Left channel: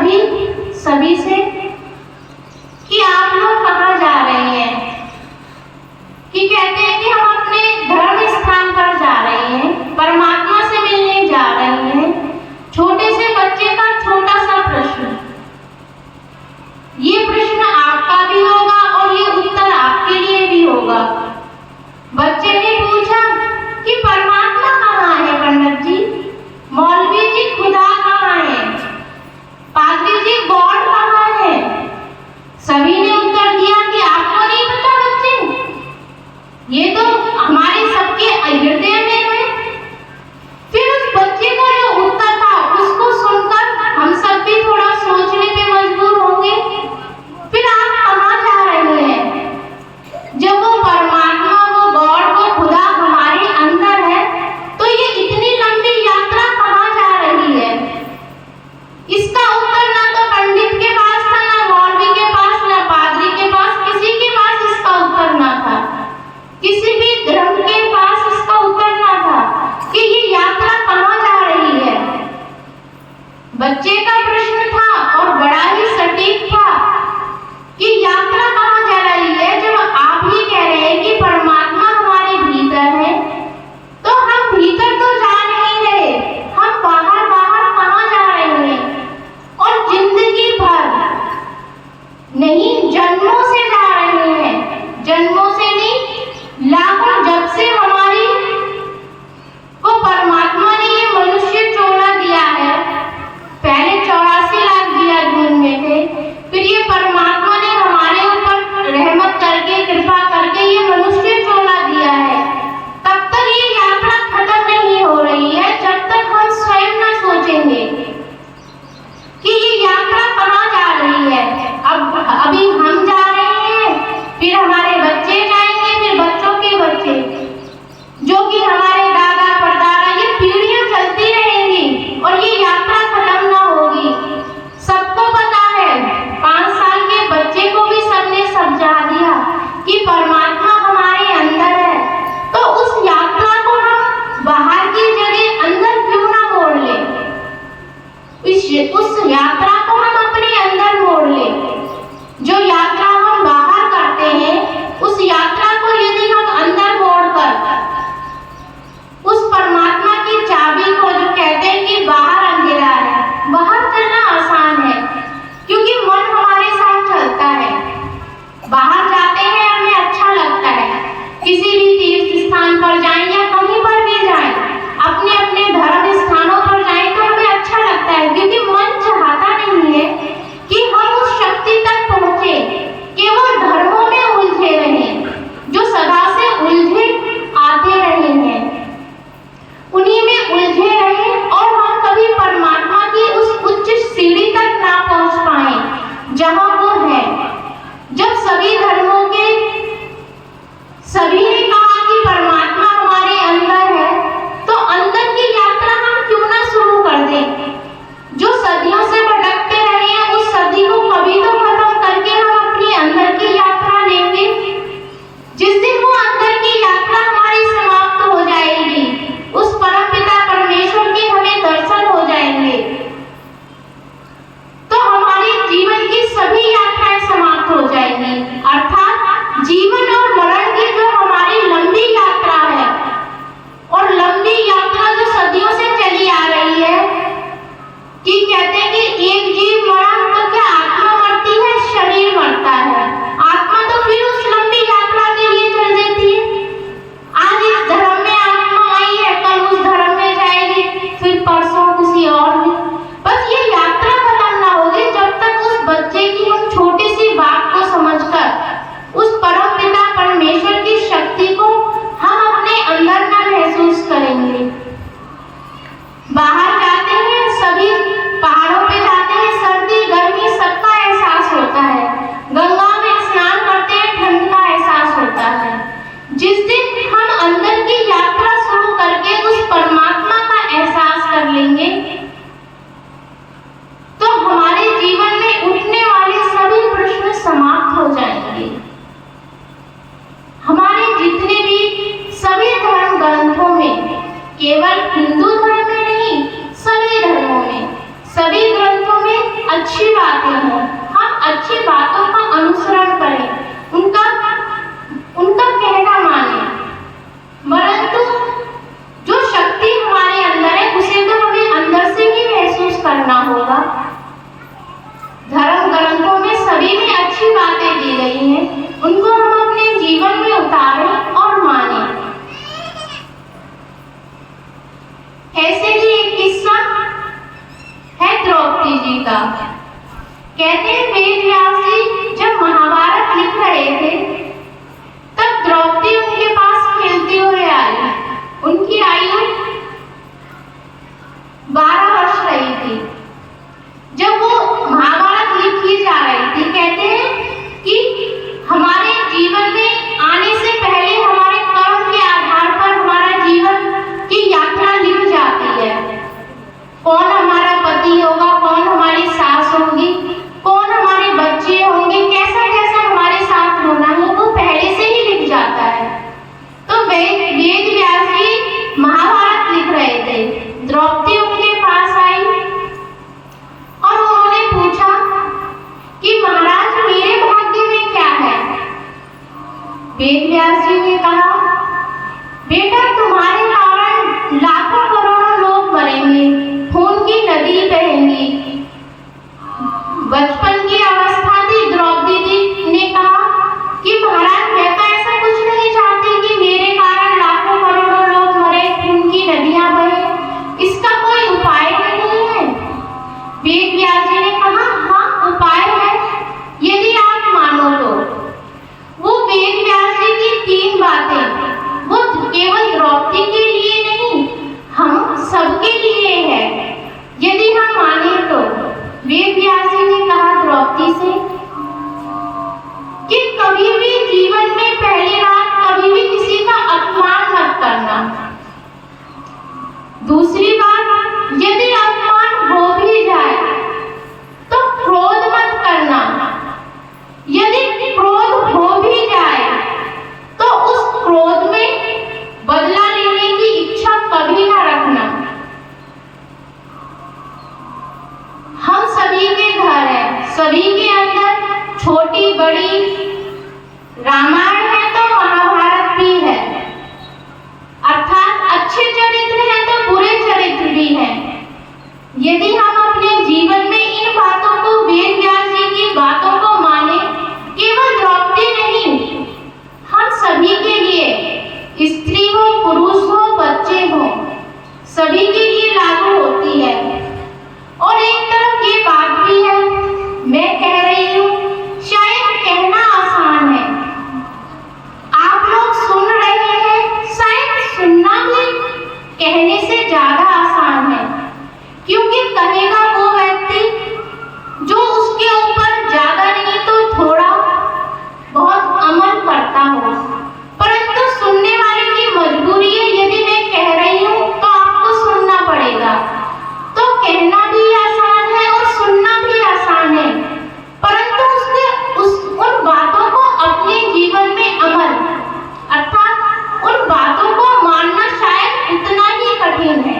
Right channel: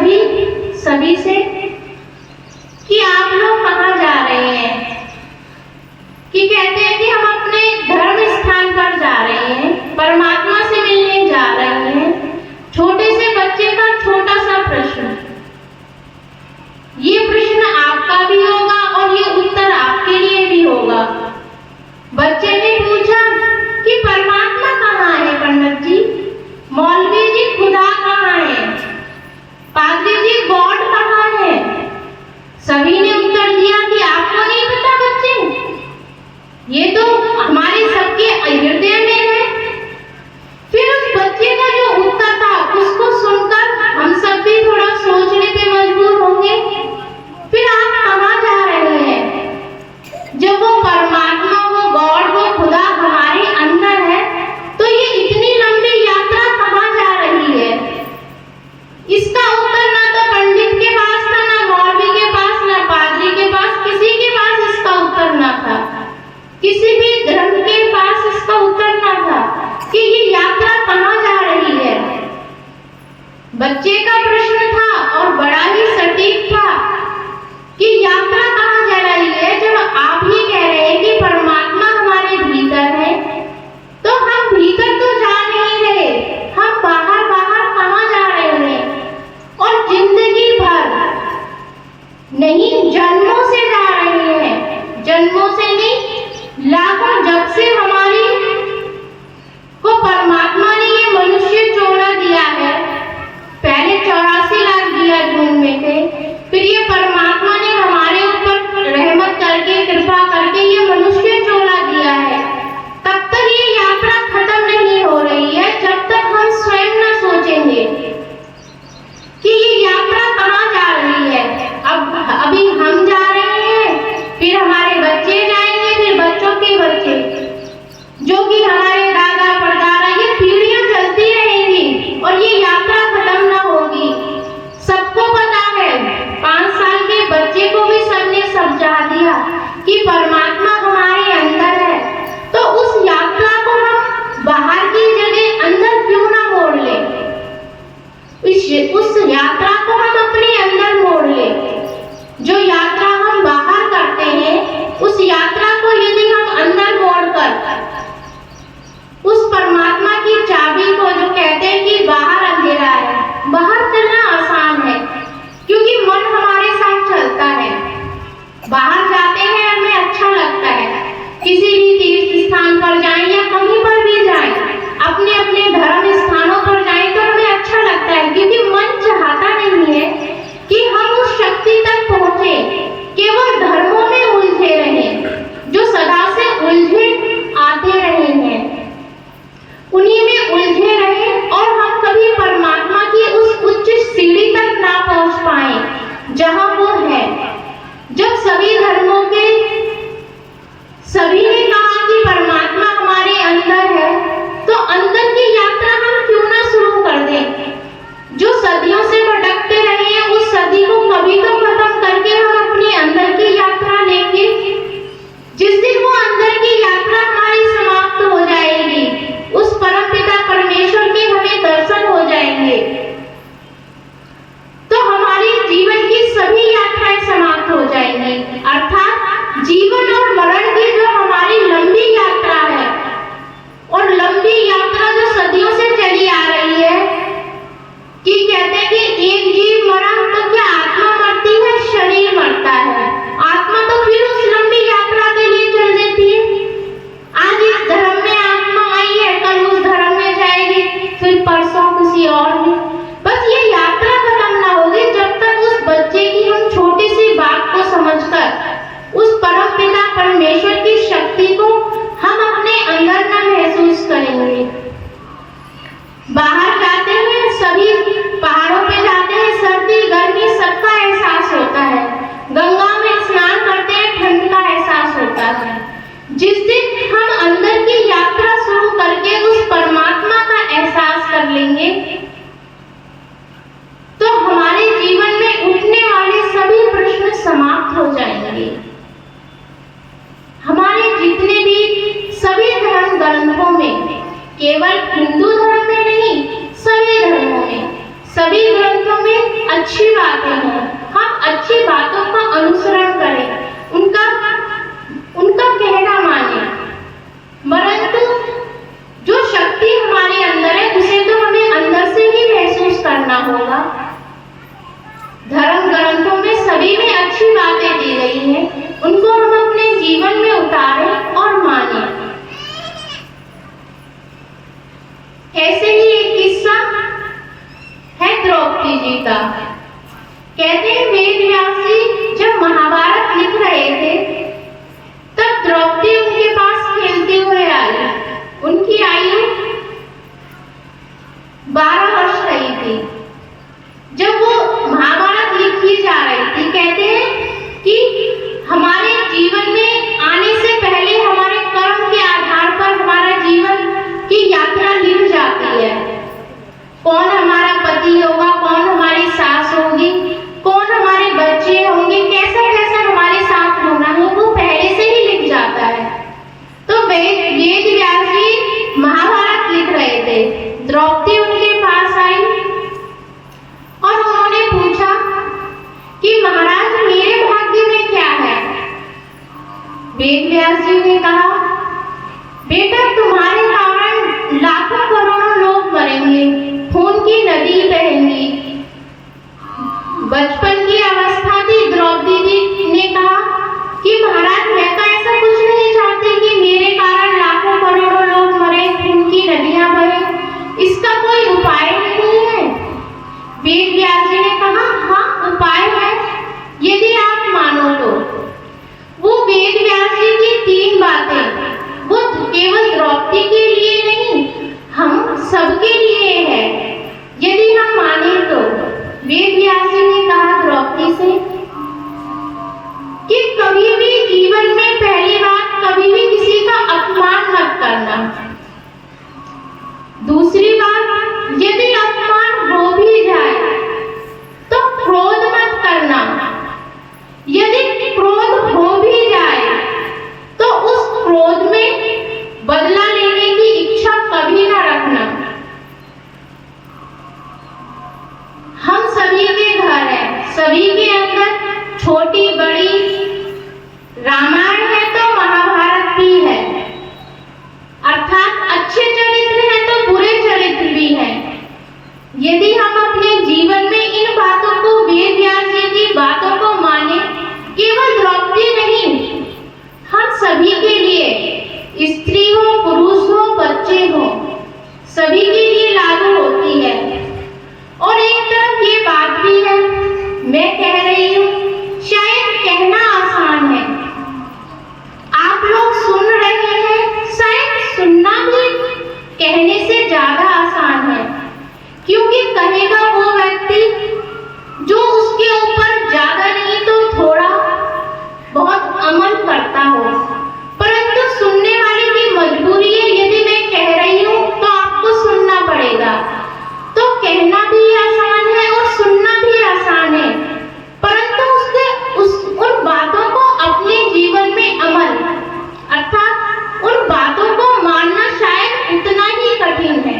सभी से कि आप लोग कहाँ जा रहे हैं, कि कहते हैं कि हम अपने धर्म स्थान पर जा रहे हैं, परमात्मा से मिलने जा रहे हैं। छोटे से बच्चे का छोटा सा प्रश्न, ये प्रश्न आपका भी होगा और ये उत्तर आपके लिए भी होगा। बच्चे ने पूछा कि परमात्मा कहाँ है पंडित जी, मौलवी जी खुदा कहाँ है, पादरी जी गॉड कहाँ है। सभी ने उत्तर दिया कि आपको नहीं पता बच्चे, ये तो हमारे सबके हृदय में है। फिर उस बच्चे का जो उत्तर था उसको सुनकर हम सब भी थोड़ा सोचने पे मजबूर होंगे। फिर आप कहाँ जा रहे हैं? जब वो परमात्मा, वो गॉड, वो खुदा हमारे अंदर है, तो ये इतनी लंबी यात्रा कहाँ जा रही है? इसका उत्तर ना तो पंडित के पास था, ना मौलवी के पास, ना पादरी के पास, किसी के पास इसका उत्तर ना था। किसी भी धर्म के पास इसका उत्तर ना था कि ये यात्रा कहाँ जा रही है। बच्चे का प्रश्न था और बड़ा ही सटीक था कि यात्रा कहाँ जा रही है। जब आप ही कह रहे हैं कि परमात्मा हमारे भीतर है, तो हम भीतर तो जा नहीं रहे, हम बाहर बाहर कहाँ जा रहे हैं? और जिंदगी भर नहीं, जन्मों से जा रहे हैं, जन्मों से नहीं, लाखों जब से हमारी को परमात्मा ने ये मनुष्य चोला दिया है। पहले 84 लाख दिया जून में थे, फिर ये परमात्मा ने हमारे ऊपर रहमत करके, कृपा करके ये मनुष्य चोला दिया है। तब तक ये यात्रा खत्म नहीं हो रही है जब तक हम स्वयं न सोचेंगे कि ये यात्रा कहाँ जा रही है। अभी हम जा रहे हैं, फिर हमारे बच्चे जाएंगे, फिर बच्चों के बच्चे, जो कि हमारे दादा परदादा, ये पीढ़ियां चलती रहेंगी और ये यात्रा खत्म ना होगी। सबको पता है, 5 साल के बच्चे को भी सबने समझा दिया कि परमात्मा हमारे अंदर है। तो उस यात्रा को हम बाहर की जगह अंदर क्यों ना मोड़ ले, उस यात्रा को हम अपने अंदर मोड़ ले। जो यात्रा हम बाहर करते हैं, उस यात्रा को यदि हम अंदर मोड़कर उस परमात्मा की चाबी को, जो कहते हैं कि बाहर अंधेरा है, बाहर चलना आसान है क्योंकि मन हमारे साथ चलता है। बाहर जाते हैं, हमें अच्छा लगता है, किसी भी तीर्थ स्थान पर जाएं या कहीं पर भी जाएं, अपने अपने धर्म स्थानों पर जाएं तो हमें अच्छा लगता है, क्योंकि मन चाहता नहीं है कि हम उस शक्ति तक पहुंचे, केवल धर्मों में उलझे रहें, जो सदा से उलझे आते रहे हैं, उन्हीं में उलझे रहें और हम कभी परमात्मा की उस उच्च सीढ़ी तक ना पहुंच पाए जहां वो है। जब सभी धर्मों के सभी ने कहा कि परमात्मा हमारे अंदर है, तो अंदर की यात्रा हम क्यों ना शुरू कर दें। जो सदियों से भटकते रहे हैं, उस सदी को कभी तो खत्म करके हम अपने अंदर की यात्रा लेंगे। जिस दिन वो अंदर की यात्रा हमारी समाप्त हो जाएगी, उस परमपिता परमेश्वर के हमें दर्शन हो जाएंगे, तो हमारे जीवन की सभी यात्राएं समाप्त हो जाएंगी। अर्थात जीवन और मरण की जो हमारी लंबी यात्रा है, और लंबी यात्रा जो सदियों से चली आ रही है, कि कहते हैं कि एक जीव मरा तो क्या आत्मा मरती है, शरीर मरता है, आत्मा तो फिर उस लंबी यात्रा के लिए चल देती है। आज इस धर्म में आत्मा आई है, कल उस धर्म में जाएगी, फिर परसों किसी और में। बस ये यात्रा खत्म ना होगी जब तक उस बच्चे की हम छोटी सी बात को समझकर उस परम पिता परमेश्वर की शक्ति को हम अपने अंदर ना महसूस करेंगे। बाहर जाते हैं, सभी पहाड़ों पे जाते हैं, सर्दी गर्मी सबका एहसास होता है, गंगा में स्नान करते हैं, ठंड का एहसास होता है। जिस दिन हम अंदर की यात्रा शुरू करके उस परमात्मा का एहसास कर लेंगे, तो हमारे जीवन में उठने वाले सभी प्रश्न समाप्त हो जाएंगे। हमारे जितने भी सभी धर्म ग्रंथों में, केवल हिंदू धर्म में नहीं, सभी धर्मों में, सभी ग्रंथों में अच्छी का। कहते हैं वेद व्यास जी जब महाभारत लिख रहे थे तब द्रौपदी उनके पास खेलती हुए आई। उनकी आयु 12 वर्ष रही थी जब वो महाभारत लिखी जा रही थी। कहते हैं कि हमारे जीवन में आने से पहले हमारे कर्म के आधार पर हमारा जीवन की यात्रा लिख जाती है। कौन हमारा पति होगा, कौन हमारी सास होगी, कौन हमारे बच्चे होंगे, कैसा कैसा हमारे साथ होना है, वो पहले से ही लिख जाता है। तो वेद व्यास जी महाभारत लिख रहे थे। द्रौपदी उनके पास आई और उन्होंने पूछा कि महाराज मेरे भाग्य में क्या है। वेद व्यास जी ने कहा बेटा तुम्हारे कारण लाखों करोड़ों लोग मरेंगे, खून की नदी बहेंगी। बचपन की अवस्था थी। द्रौपदी जी ने कहा कि महाराज मैं तो ऐसा कुछ नहीं चाहती कि मेरे कारण लाखों करोड़ों लोग मरे, खून की नदियां बहे। इसका कोई उपाय नहीं है। वेद व्यास जी ने कहा हाँ उपाय है, यदि आप मानो तो। वो वेद व्यास जी की 3 बातें वो केवल द्रौपदी के लिए नहीं, हम सबके लिए है, यदि हम माने तो। वेद व्यास जी ने कहा द्रौपदी से कि कभी भी जीवन में पहली बात कभी भी किसी का अपमान मत करना। दूसरी बात यदि अपमान हो भी जाए तो क्रोध मत करना। यदि क्रोध हो भी जाए तो उस क्रोध में बदला लेने की इच्छा कभी ना रखना। हम सभी के घर है, सभी के अंदर छोटी बड़ी रामायण है तो महाभारत भी है, अर्थात अच्छे चरित्र हैं तो बुरे चरित्र भी हैं। यदि हम अपने जीवन में इन बातों को, वेद व्यास जी की बातों को माने, केवल द्रौपदी नहीं, हम सभी के लिए, स्त्री हो पुरुष हो बच्चे हो, सभी के लिए लागू होती है। और एक तरफ ये बात भी है, मैं कह रही हूँ शायद कहना आसान है, आप लोग सुन रहे हैं, शायद सुनना भी कहने से ज्यादा आसान है। क्योंकि कहेगा वो व्यक्ति जो उसके ऊपर ज्यादा नहीं तो थोड़ा बहुत अमल करता हो, परंतु सुनने वाले की मजबूरी है। यदि मैं कह रही हूँ तो आपको सुनना पड़ेगा। तो कहना भी आसान है और सुनना भी आसान है, परंतु उन बातों को अपने जीवन में अमल, अर्थात उन बातों को मानना शायद उतना ही कठिन है।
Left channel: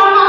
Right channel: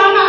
हम